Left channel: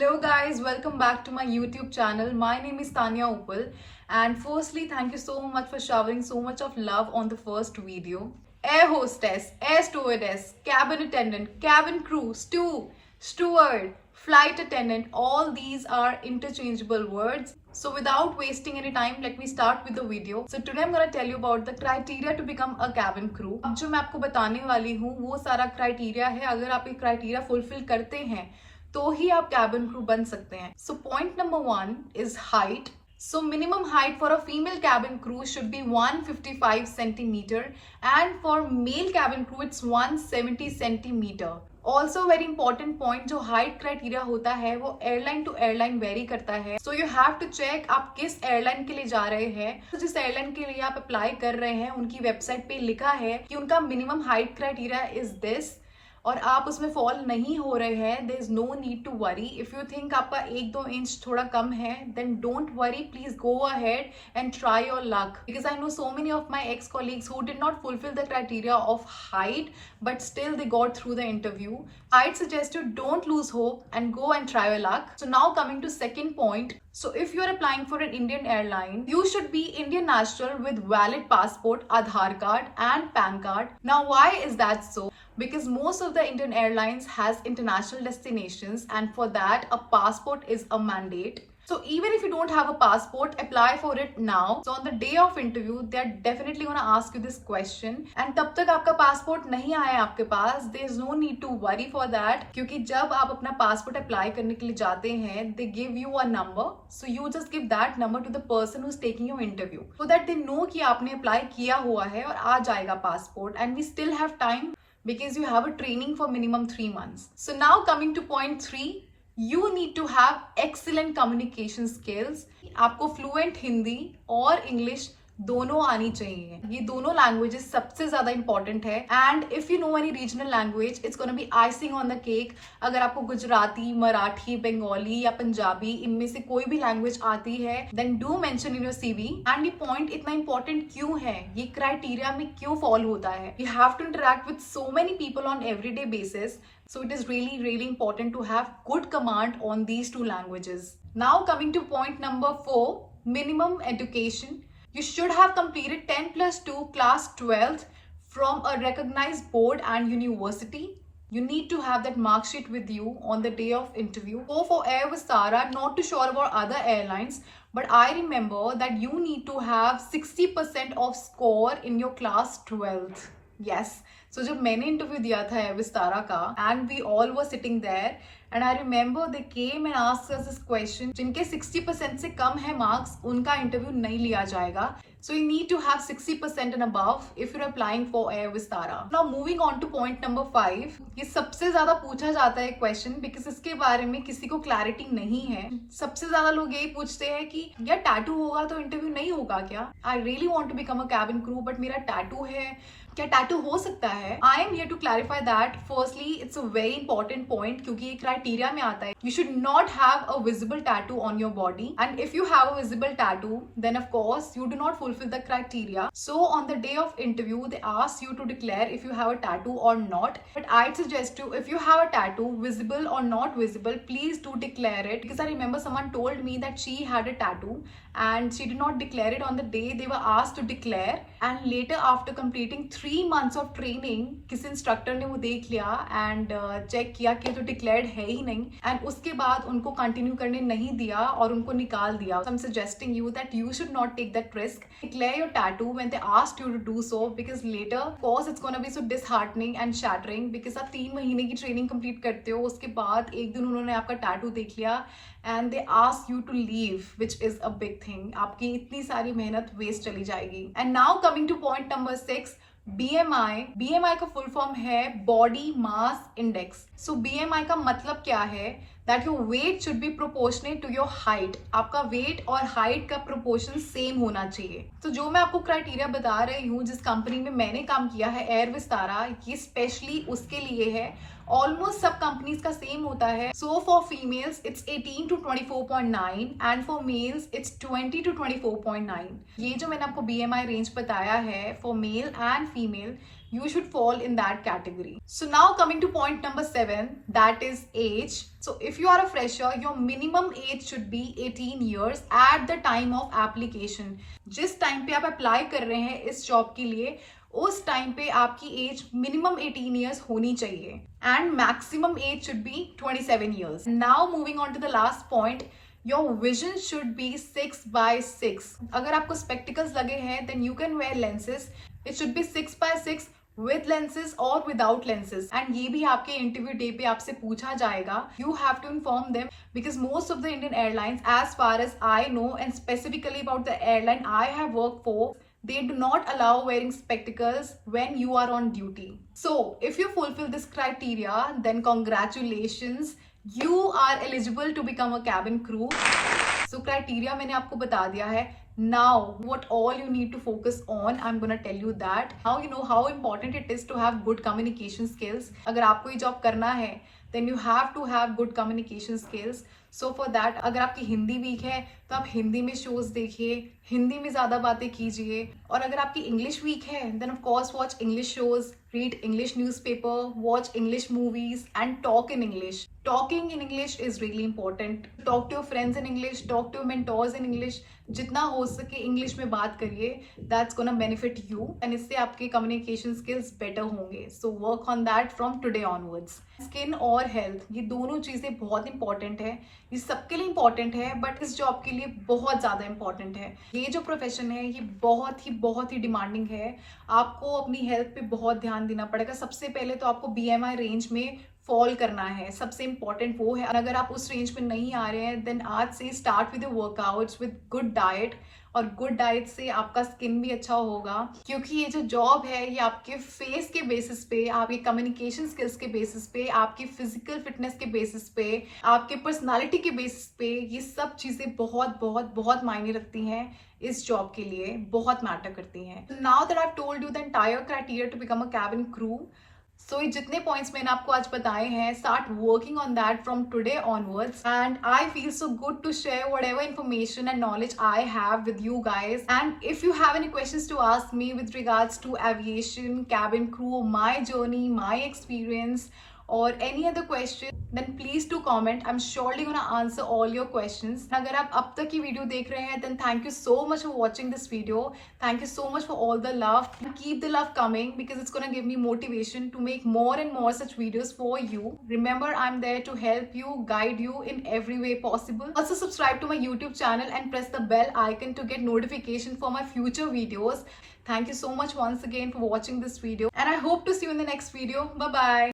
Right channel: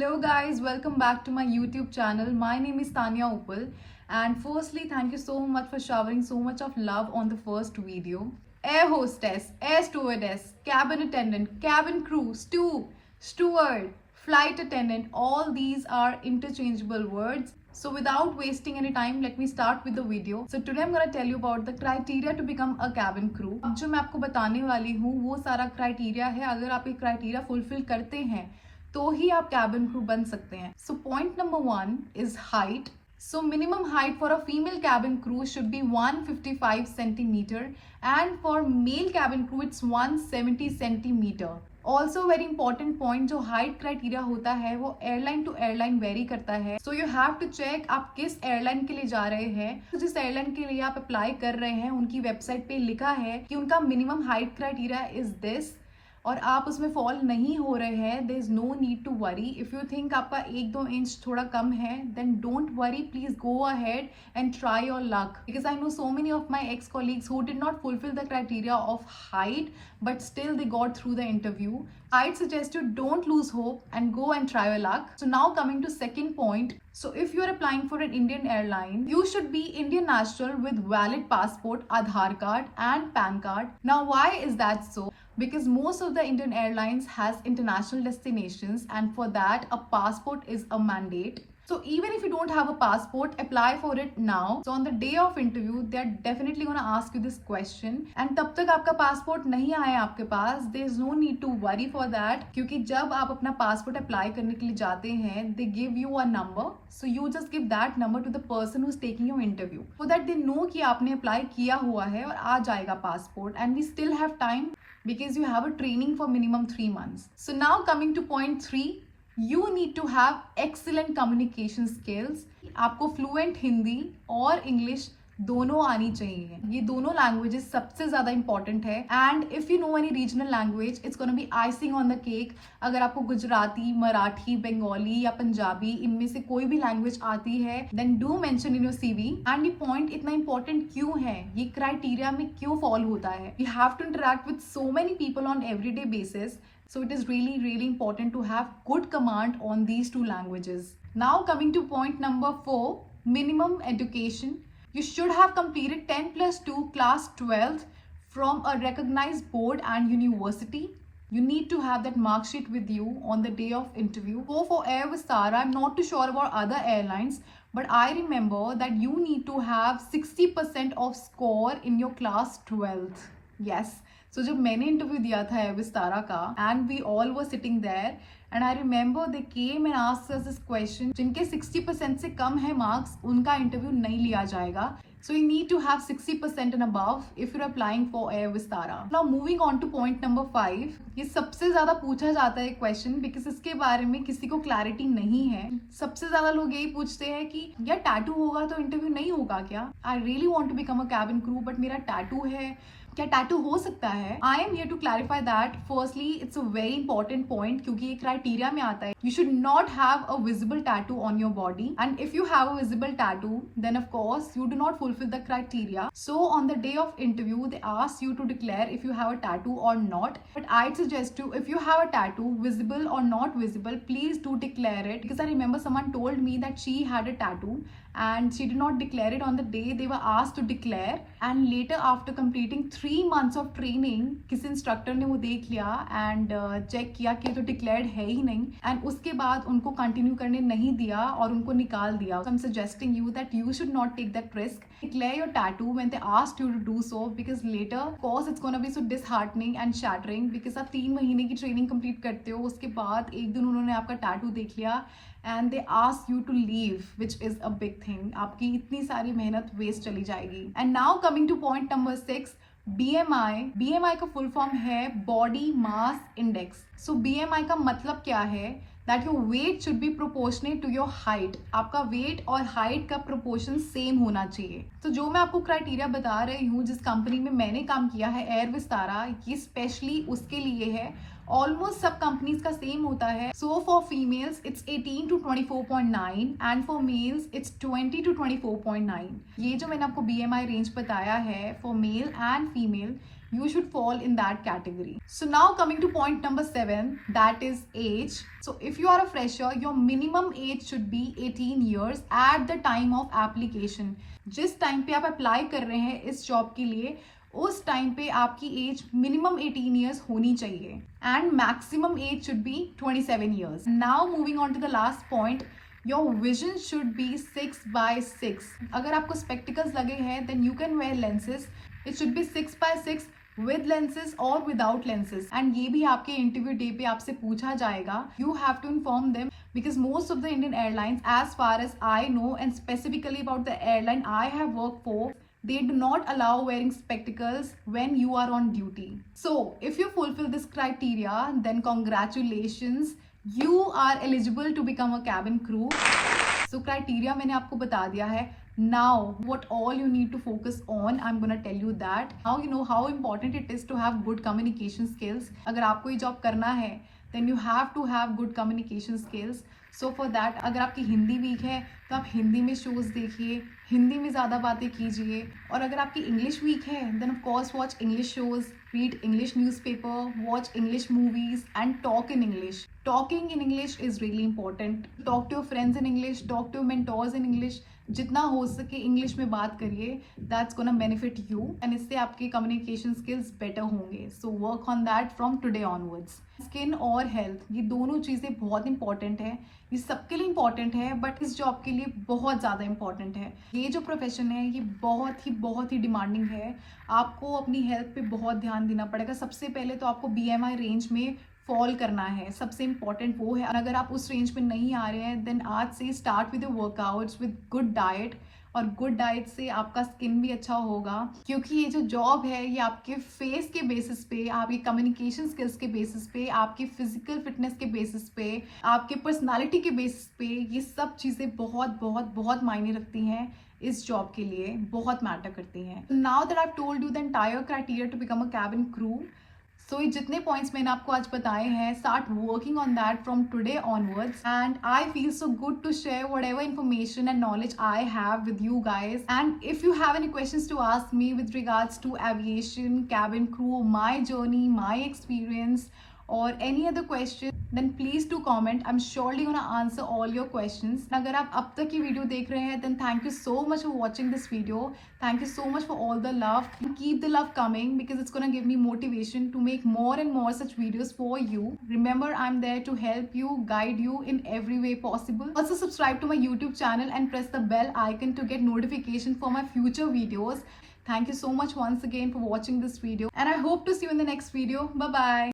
Hello guys, welcome back to my YouTube channel. My name is Tanya Upal, and firstly thank you so much for showering so much of love on the first video. Air hostess, air stewardess, cabin attendant, cabin crew, steward, flight attendant, all these are interchangeable words. So without wasting any time, let me start with the video. So today I'm going to tell you about the criteria to become a cabin crew. अब जो मैं आपको बताने वाली हूँ वो सारा क्राइटेरिया है. अगर आप ये क्राइटेरिया फुलफिल करते हैं तो ही आप कैबिन क्रू बन सकते हैं. So point number 1 is height. So minimum height for a female cabin crew should be 155 centimeter and for male cabin crew it's 170 centimeter. Also very important point, जो height criteria होता है वो airline to airline vary करता है. So you have to check आप किस एयरलाइन के लिए जा रहे हैं. तो जिस एयरलाइन के लिए आप अप्लाई कर रहे हैं उनकी वेबसाइट पे लिखा है कि उनका minimum height criteria is this और आप उसमें फॉल नहीं हो रहे हैं, there is no need to worry. If you think आपका 1-2 इंच थोड़ा कम है then don't worry, please go ahead and try your luck because I know so many of my ex colleagues who did not fulfil the criteria of height but still they got through the interview. I'd suggest you don't lose hope and go and try your luck. So now coming to second point. So if you're applying for an Indian airline, you should be Indian national with valid passport, Aadhaar card and PAN card. Now why is that so? Because most of the Indian airlines has international destinations and for that a passport is a mandate. So even if you don't have a passport, apply for it now. So on the day of interview, they are definitely going to ask you this question. And तब तक आपका पासपोर्ट नहीं आया आपके पास, there is no need to worry for that. क्योंकि जब आप अपना पासपोर्ट अप्लाई करने के लिए जाते हैं, they give you a number. So you just give that number to the person who is taking your interview, so that they know कि आपने अप्लाई किया हुआ है और आ जाएगा passport. And we still have time because you have a training for minimum 3 months. So now coming to point 3. You need to have excellent communication skills. आपको फ्लुएंट हिंदी और इंग्लिश दोनों आनी चाहिए. ये दोनों लैंग्वेजेस सबसे ज्यादा इंपॉर्टेंट है. And if you know any regional language it's gonna be icing on the cake. अगर आपको गुजराती, मराठी, बंगाली या पंजाबी इनमें से कोई भी लैंग्वेज आती है then do mention in your CV. And ये पॉइंट इतना इंपॉर्टेंट क्यों है, ये क्राइटेरिया में क्यों फॉलो होता है. You have to interact with so many people on everyday basis. So it is really important to have good command on these two languages. Now coming to point number 4, minimum education. You should have completed 10+2 class 12th from a recognized board and university. You need to have that mark sheet with you on the day of interview. Go for Air Vistara. I'm not too sure about other airlines, but I remember that you need to have 60% of score in your class 12th. Yes. So जब मैंने इंटरव्यू दिया था air Vistara का and we all were sitting there and I remember they came and asked us this question. जिनके 60% से कम है मार्क्स उनका इंटरव्यू नहीं लिया जाएगा. So you need to have 60% and above if you're applying for Air Vistara. Now moving on to point number 5. ये सबसे ज्यादा पूछा जाता है क्वेश्चन बिकॉज इसके बारे में किसी को क्लैरिटी नहीं है. सबसे ज्यादा लोग यही पूछते हैं कि यार टैटू होगा तो इंटरव्यू नहीं होगा क्या. I really want to become a cabin crew but मेरा टैटू है, क्या टैटू हो सकता है. I am here to clarify that. Firstly it's a very important point क्योंकि ये क्राइटेरिया में आता है. You should not have a visible tattoo on your body and if you have a visible tattoo then of course you do not fulfill the criteria. So on the day of interview they ask you to declare if you have a tattoo or not. But I'd suggest you, if you have a tattoo, visible or not visible, please do declare it because I remember someone told me that she had a tattoo and she did not declare it on the day they were asked to declare. And later after completing 3 months of training किसी इंस्ट्रक्टर ने वो देख लिया and check किया कि तो डिक्लेयर्ड है ही नहीं एंड उसके बाद उनको कंटिन्यू करने नहीं दिया और उनको निकाल दिया. So I'm suggesting you that you should not take that risk. Declare your tattoo when they asked you to do so because later of course it's gonna be so disheartening and shattering because आप 3 महीने की training complete करते हो, उसके बाद एक दिन उन्होंने आपका टैटू देख लिया and they ask you to leave, which is a big thing. आपकी इतनी सारी मेहनत वेस्ट चली जाएगी. And now coming to point number 6, BMI. BMI का फुल फॉर्म है body mass index. So BMI का मतलब क्या है, that your weight should be proportionate to your height. आपका वेट और हाइट का प्रोपोर्शन सेम होना चाहिए. तो जो मैं आपको क्राइटेरिया बता रही हूँ जिस कंपनी में मैंने काम किया है एयर विस्तारा, ये स्पेशली उसके लिए है ऑलमोस्ट सब कंपनीज का सेम होता है. सो फॉर फीमेल्स इट्स 18 to 24.9 एंड फॉर मेल्स इट्स 20 to 24.9. ये जो मैंने आपको BMI रेंज बताया है for male and female, you should fall in that category. So now coming to point number 7, that is age. So if you are a fresher, your minimum age should be 18 years at the time of application. जिस टाइम पे आप अप्लाई कर रहे हैं इस जॉब के लिए, उस टाइम पे आपकी एज मिनिमम 18 ईयर्स होनी चाहिए and maximum age should be 27 years. Now moving on to the last point, your vision should be 6x6. अगर आपको स्पेक्टिकल्स लगे हैं then you can wear lenses. It should be 6x6 with lenses or without lenses. And ये भी आपके interview day पे आपसे पूछा जाएगा. You have to inform them because most of the Indian airlines, as far as I know, and specifically about the airline I have worked for, they do not allow wearing spectacles when you are on duty. So if you fulfill this criteria, then congratulations, you are eligible to become a cabin crew. So criteria मैंने आपको बता दिया है. Now what all you need to focus on, I'm gonna tell you that. Now you know how important it is to have good communication skills. अगर आपको ये जॉब करना है then you have to have good communication skills. So for that, अगर आपकी हिंदी वीक है तो आप हिंदी में शोज देखिए, हिंदी में ज़्यादा बातें कीजिए. और अगर आपकी इंग्लिश वीक है then of course watch English shows, read English newspaper, watch English movies and talk in English. Talking in English is really important. Talk to your friends in English, talk to your mentors in English. जितना हो सके इंग्लिश में बात करिए. That's gonna benefit you and इससे आपके communication skills better होंगे. So work on that from today onwards. Skin और हेल्थ, ये दोनों चीज़ें बहुत इंपॉर्टेंट है. ये सबके लिए इंपॉर्टेंट है बट इस जॉब के लिए बहुत ज़्यादा इंपॉर्टेंट है. ये जो प्रोफेशन है ये बहुत ही डिमांडिंग है. आपको अपनी हेल्थ पे बहुत ध्यान देना पड़ेगा. सबसे पहले तो आपको BMI रेंज में फॉल करना है, सबसे इंपॉर्टेंट वो है. और अगर आप उस रेंज में नहीं आ रहे हैं देन आज से start with workouts with good diet. और गुड डाइट से आपका स्किन भी अच्छा होगा क्योंकि ये जो जॉब है ये आपके फेस के बेसिस पे, आपके कम्युनिकेशन स्किल्स के बेसिस पे, आपकी फिजिकल फिटनेस के बेसिस पे, आपके पर्सनालिटी के बेसिस पे, ये सब चीज़ें बहुत मायने रखती हैं. इस जॉब के लिए बहुत मैटर करती हैं. Now that I have told you the entire criteria to become a cabin crew. So ये जितने पॉइंट्स मैंने आपको आज बताए हैं, start working on that from today onwards. And I feel so good to share whatever information and knowledge I have with you guys. And if you have any questions to ask me with regards to aviation, cabin crew, my journey, my experience, or any other question, then please do comment. I'm surely gonna answer all your questions. अगर आप अब तक ये वीडियो देख रहे हैं then thank you so much for watching this video. Thank you so much for all the love. Keep the love coming because it's gonna give me motivation to make more and more such videos for you. Remember, I'm there to help you, guide you in every way possible. Also subscribe to my YouTube channel and press the bell icon to get notification for my future videos. Thank you so much once again for watching this video and I hope to see you in the next video. Bye bye.